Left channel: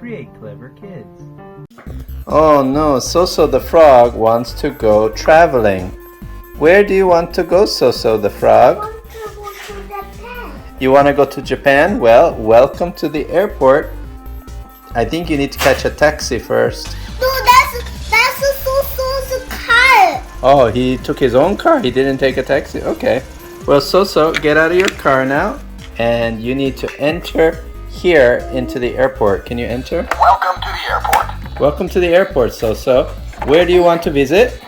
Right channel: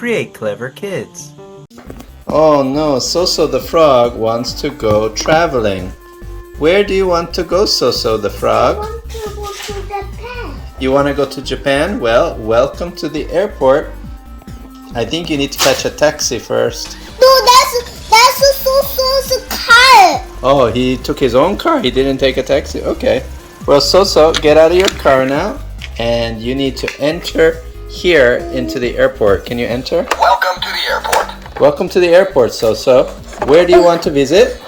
create clever kids. Oh no, Soso the Frog wants to go traveling. Where do you want to go, Soso the Frog? I want to go to Japan. You want to go to Japan? Well, welcome to the airport. I think you need to catch a taxi first. No, that's Soso's car. Oh, he took his own car. He didn't take a taxi. Okay. Well, Soso, get out of your car now, and you need to enter here into the airport. Can you enter? Welcome to the airport. Welcome to the airport, Soso. Where do you want to visit?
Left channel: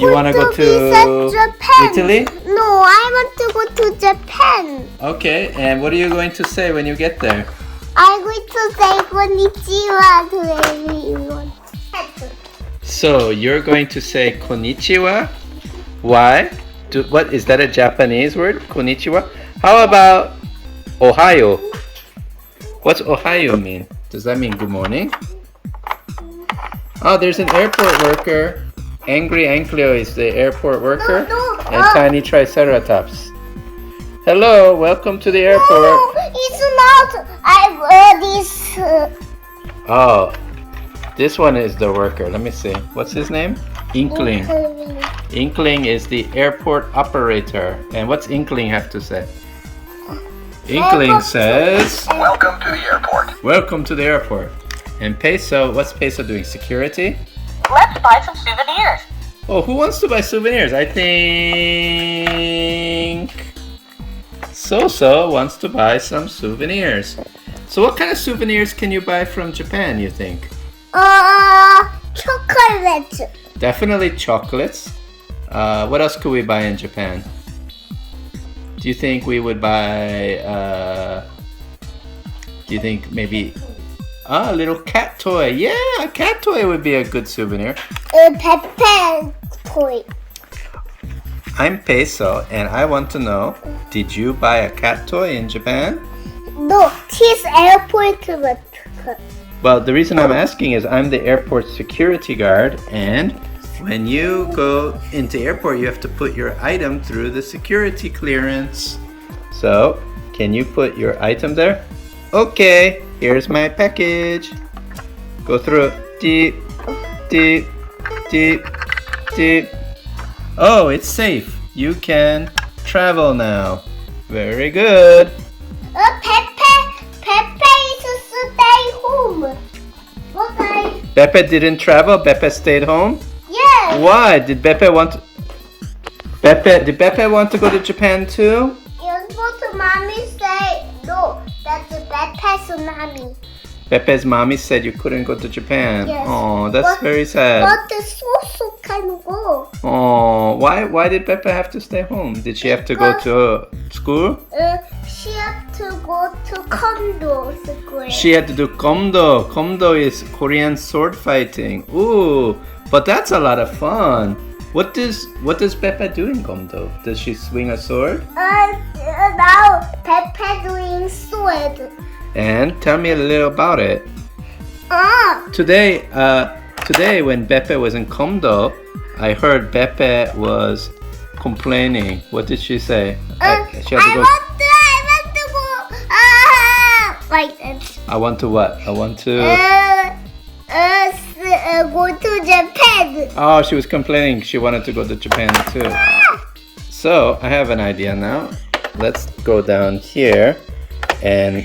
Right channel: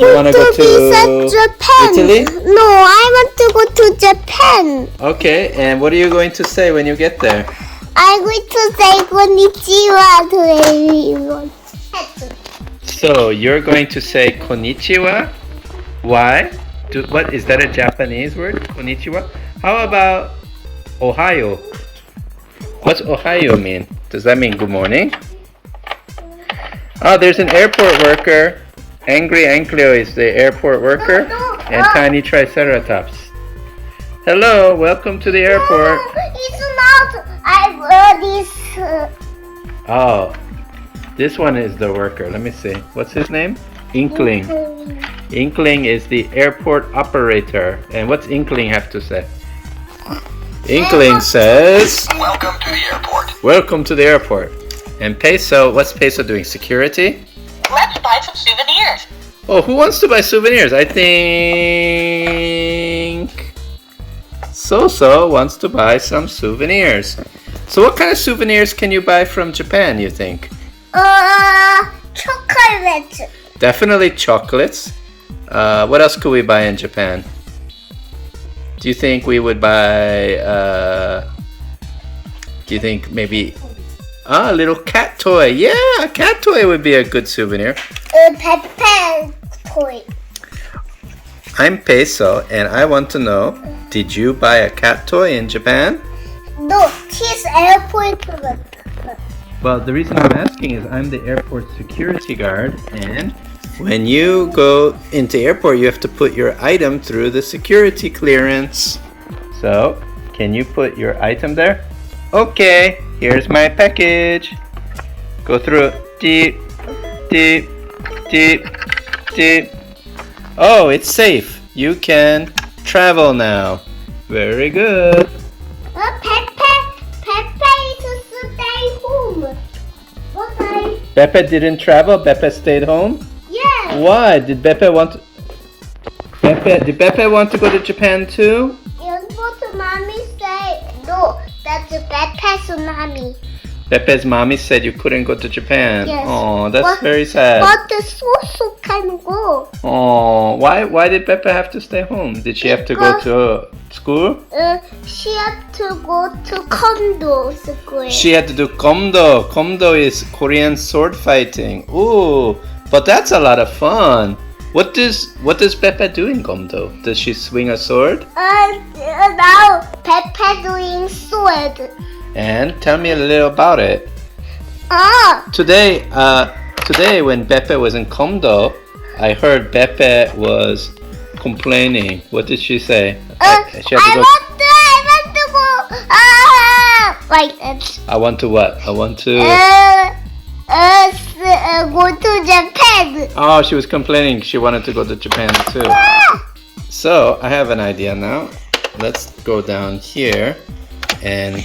You want to go to Japan. Italy? No, I want to go to Japan. Okay, and what are you going to say when you get there? I'm going to say Konnichiwa to everyone. So, you're going to say Konnichiwa? Why? What is that a Japanese word? Konnichiwa? How about Ohio? What's Ohio mean? Does that mean good morning? Oh, there's an airport worker. Angry Ankleo is the airport worker. And Tiny Triceratops. Hello, welcome to the airport. No, it's not. I wear this. Oh, this one is the worker. Let me see. What's his name? Inkling. Inkling is the airport operator. And what's Inkling have to say? Inkling says, Welcome to the airport. welcome to the airport. And Peso, what's Peso doing? Security? Let's buy some souvenirs. Oh, who wants to buy souvenirs? I think Soso wants to buy some souvenirs. So what kind of souvenirs can you buy from Japan, you think? Chocolate. Definitely chocolates. What else could we buy in Japan? Do you think we would buy, do you think maybe a little cat toy? Yeah, a cat toy would be a good souvenir. A pepper toy. I'm Peso and I want to know, did you buy a cat toy in Japan? No, his airport. Well, the reason I'm asking is I'm the airport security guard, and when you go into airport, you have to put your item through the security clearance. So, can you put your item there? Okay, here's my package. Go through it. Deep, deep, deep, deep. Oh, it's safe. You can travel now. Very good. Pepe is to stay home. Okay. Beppe didn't travel. Beppe stayed home. Yes. Why? Did Beppe want to... Did Beppe want to go to Japan too? Yes, but mommy said no. That's Pepe's mommy. Beppe's mommy said you couldn't go to Japan. Yes. Oh, that's But- very sad. But the Soso can go. Oh, why did Beppe have to stay home? Did she have to go to school? She had to go to condo school. She had to do komdo. Komdo is Korean sword fighting. Ooh, but that's a lot of fun. What does Beppe do in komdo? Does she swing a sword? Now Pepe doing sword. And tell me a little about it. Today when Beppe was in komdo, I heard Beppe was complaining. What did she say? She had to go. I want to go. Like that. I want to what? I want to. Go to Japan. Oh, she was complaining. She wanted to go to Japan too. So I have an idea now. Let's go down here, and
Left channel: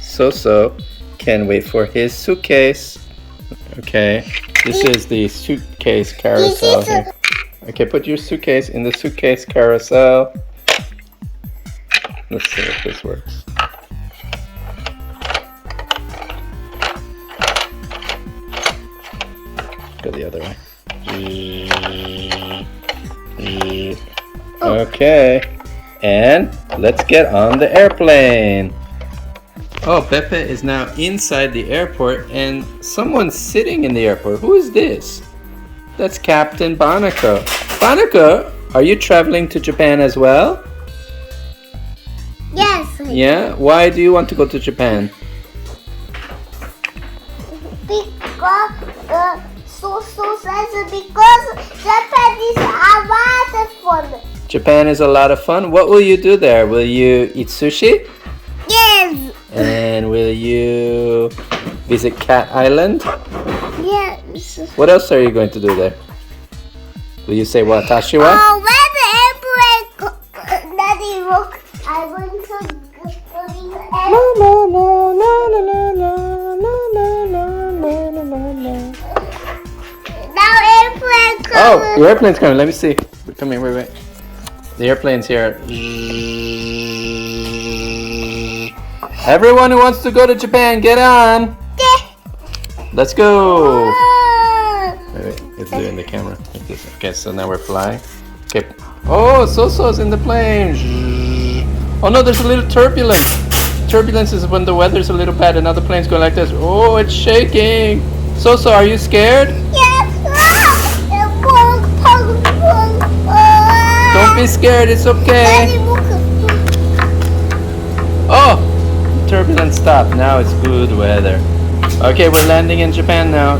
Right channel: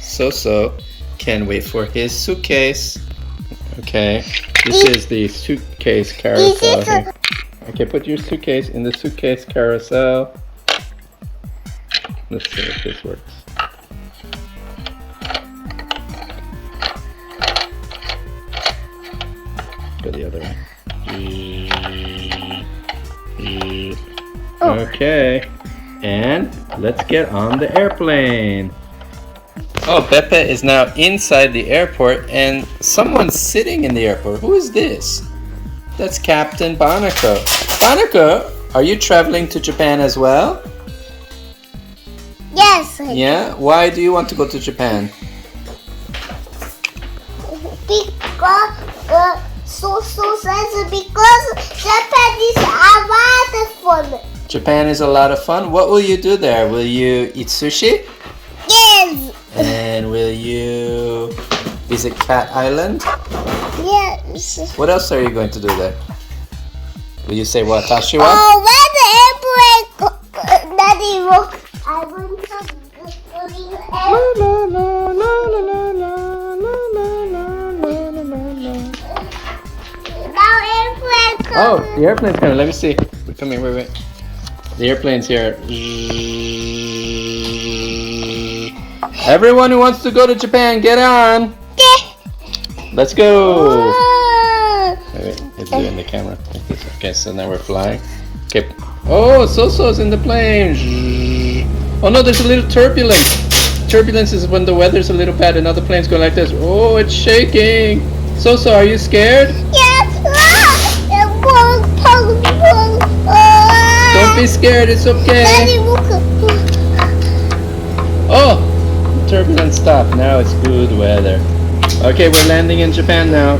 Soso can wait for his suitcase. Okay, this is the suitcase carousel here. Okay, put your suitcase in the suitcase carousel. Let's see if this works. Go the other way. Okay, and let's get on the airplane. Oh, Beppe is now inside the airport and someone's sitting in the airport. Who is this? That's Captain Barnacle. Barnacle, are you traveling to Japan as well? Yes. Yeah? Why do you want to go to Japan? Because Soso says because Japan is a lot of fun. Japan is a lot of fun. What will you do there? Will you eat sushi? Yes. And will Is it Cat Island? Yes. What else are you going to do there? Will you say watashi wa? Oh, where the airplane go? Daddy, look. I'm going to go in the airplane. Now airplane coming. Oh, the airplane's coming. Let me see. Come here, wait. The airplane's here. Everyone who wants to go to Japan, get on. Let's go. Wait, it's doing the camera. Okay, so now we're flying. Okay. Oh, Soso's in the plane. Oh no, there's a little turbulence. Turbulence is when the weather's a little bad and other planes go like this. Oh, it's shaking. Soso, are you scared? Yes. Don't be scared, it's okay. Oh, turbulence stopped. Now it's good weather. Okay, we're landing in Japan now.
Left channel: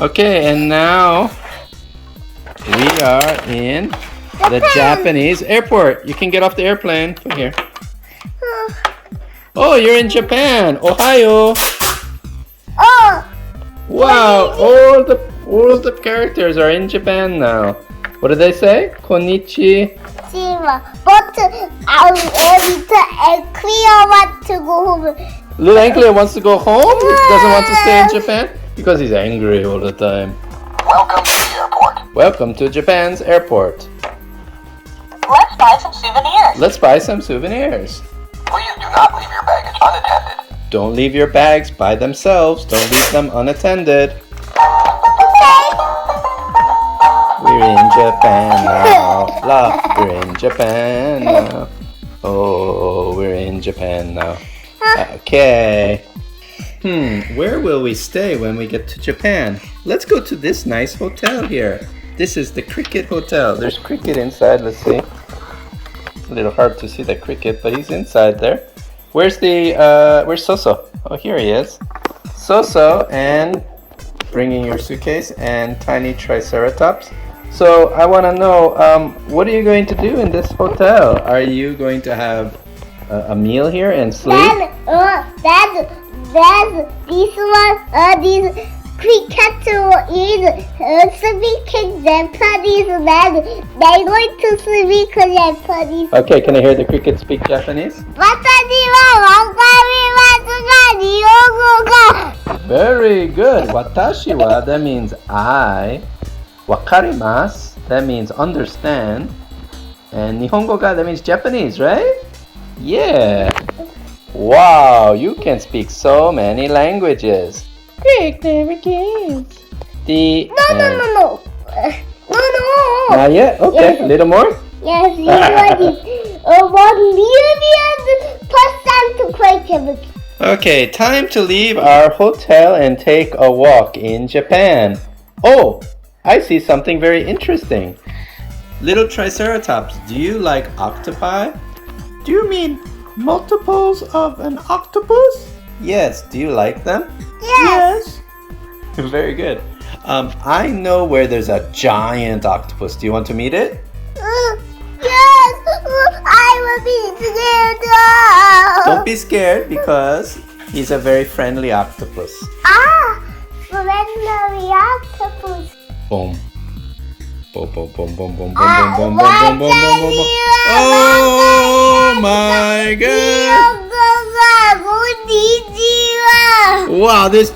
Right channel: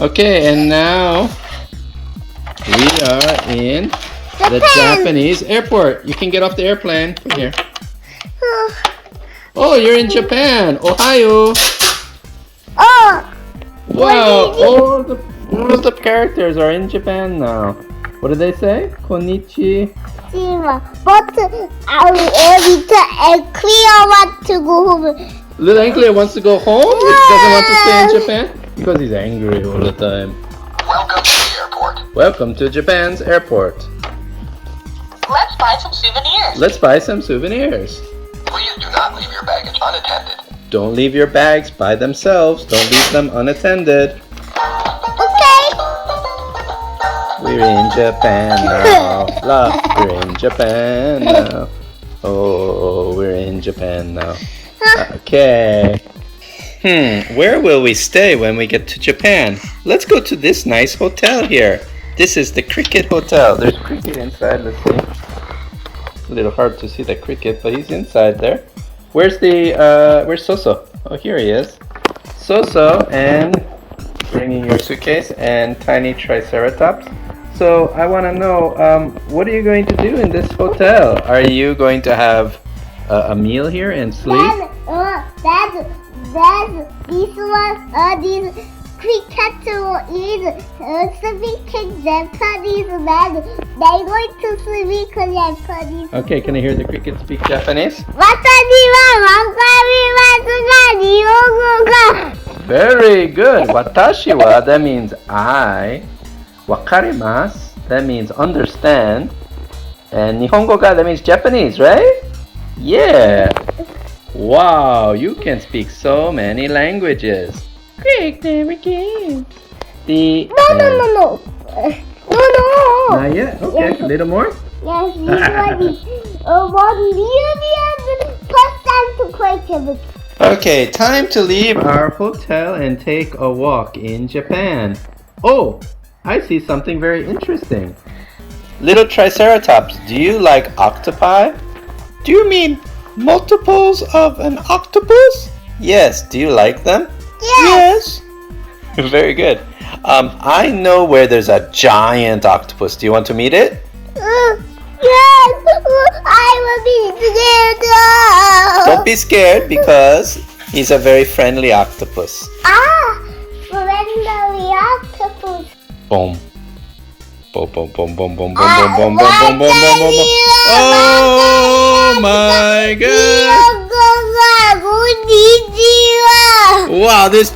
Okay, and now we are in the Japanese airport. You can get off the airplane. Come here. Oh, you're in Japan. Ohio. Oh, Wow, all the characters are in Japan now. What do they say? Konnichiwa. but Cleo want to go home. Little Ankle wants to go home. He doesn't want to stay in Japan because he's angry all the time. Welcome to the airport. Welcome to Japan's airport. Let's buy some souvenirs. Let's buy some souvenirs. Please do not leave your baggage unattended. Don't leave your bags by themselves. Don't leave them unattended. We're in Japan now. La, we're in Japan now. Oh, we're in Japan now. Okay. Where will we stay when we get to Japan? Let's go to this nice hotel here. This is the Cricket Hotel. There's Cricket inside. Let's see. A little hard to see the Cricket, but he's inside there. Where's Soso? Oh, here he is. Soso and bringing your suitcase and tiny triceratops. So I want to know, what are you going to do in this hotel? Are you going to have a meal here and sleep? Dad, this one, these crickets is speaking Japanese. Dad, they're going to speak Japanese. Okay, can I hear the cricket speak Japanese? Very good. Watashi wa, that means I. Wakarimasu, that means understand. And Nihongo ga, that means Japanese, right? Yeah. Wow, you can speak so many languages. Great, there it is. No. No. Not yet? Okay, Yes. a little more? Yes, you ready. 1,000,000% question. Okay, time to leave our hotel and take a walk in Japan. Oh, I see something very interesting. Little Triceratops, do you like octopi? Do you mean multiples of an octopus? Yes, do you like them? Yes. Yes. Very good. I know where there's a giant octopus. Do you want to meet it? Yes, I will be scared. Don't be scared because he's a very friendly octopus. Friendly octopus. Boom. Boom, boom, boom, boom, boom, boom, boom, boom, boom, boom, boom, boom, boom, boom. Oh my god! Wow, this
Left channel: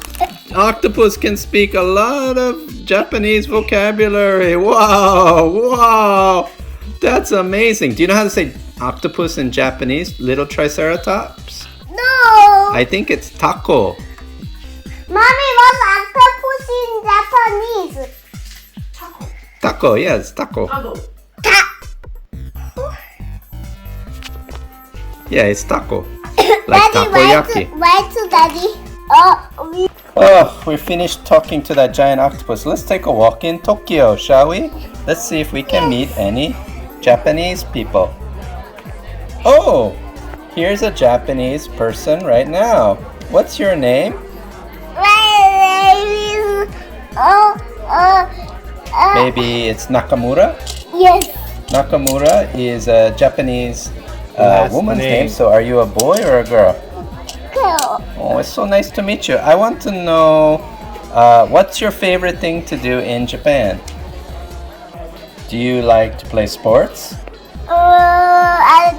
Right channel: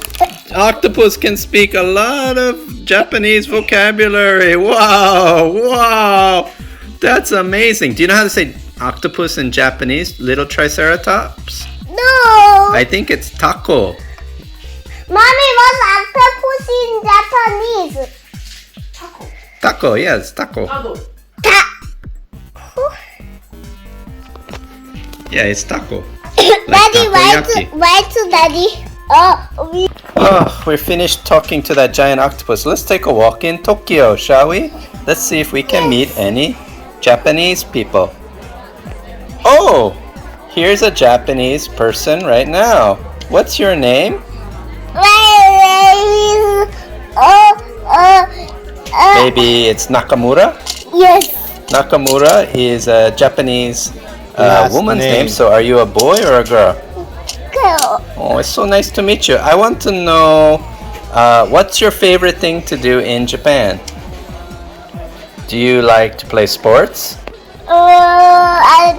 octopus can speak a lot of Japanese vocabulary. Wow. That's amazing. Do you know how to say octopus in Japanese? Little Triceratops? No. I think it's taco. Mommy, what's octopus in Japanese? Taco, yes, taco. Yeah, it's taco. Like takoyaki. Where's Daddy? Oh, we're finished talking to that giant octopus. Let's take a walk in Tokyo, shall we? Let's see if we can meet any Japanese people. Oh, here's a Japanese person right now. What's your name? Maybe it's Nakamura? Yes. Nakamura is a Japanese Last woman's name. name. So are you a boy or a girl? Oh, it's so nice to meet you. I want to know what's your favorite thing to do in Japan? Do you like to play sports? I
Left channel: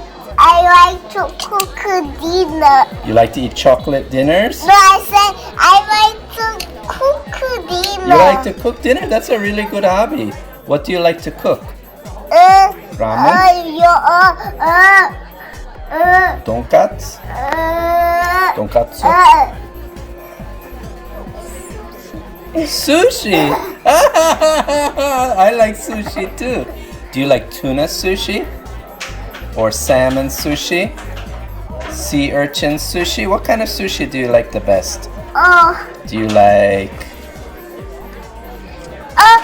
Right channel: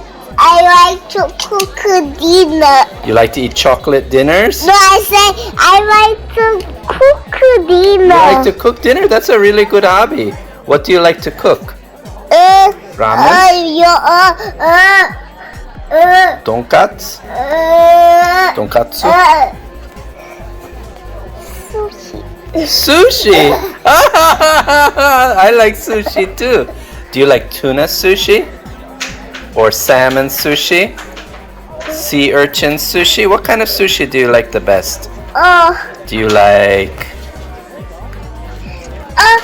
like to cook dinner. You like to eat chocolate dinners? No, I say I like to cook dinner. You like to cook dinner? That's a really good hobby. What do you like to cook? Ramen? Tonkatsu? Tonkatsu? Sushi! I like sushi too. Do you like tuna sushi? Or salmon sushi? Sea urchin sushi? What kind of sushi do you like the best? Do you like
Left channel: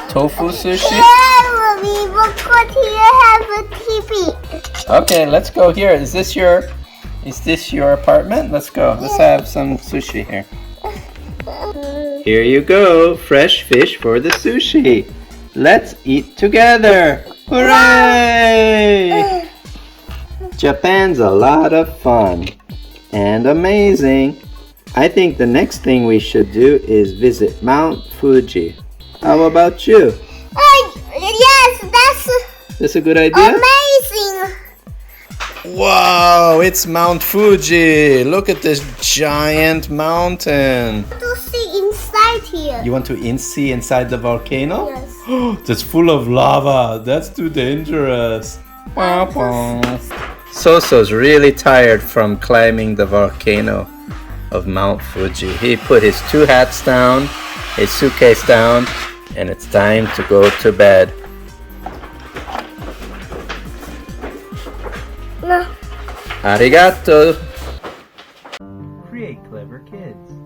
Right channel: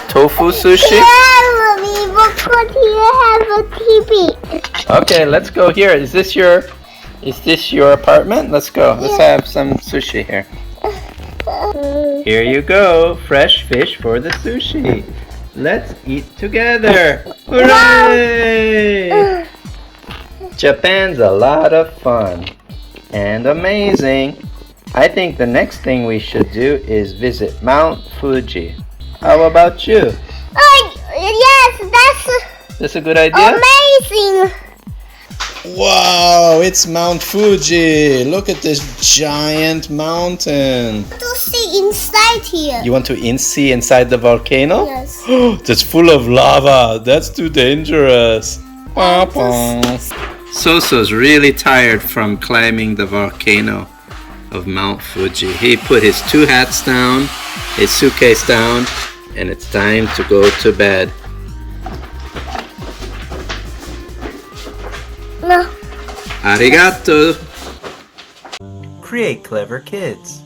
tofu sushi? Mommy, because here have a TV. Okay, let's go here. Is this your apartment? Let's go. Let's have some sushi here. Here you go. Fresh fish for the sushi. Let's eat together. Hooray! Japan's a lot of fun and amazing. I think the next thing we should do is visit Mount Fuji. How about you? Yes, That's a good idea? amazing. Wow, it's Mount Fuji. Look at this giant mountain. To see inside here. You want to see inside the volcano? Yes. That's full of lava. That's too dangerous. Soso's really tired from climbing the volcano of Mount Fuji. He put his 2 hats down, his suitcase down, and it's time to go to bed. No. Arigato. Create clever kids.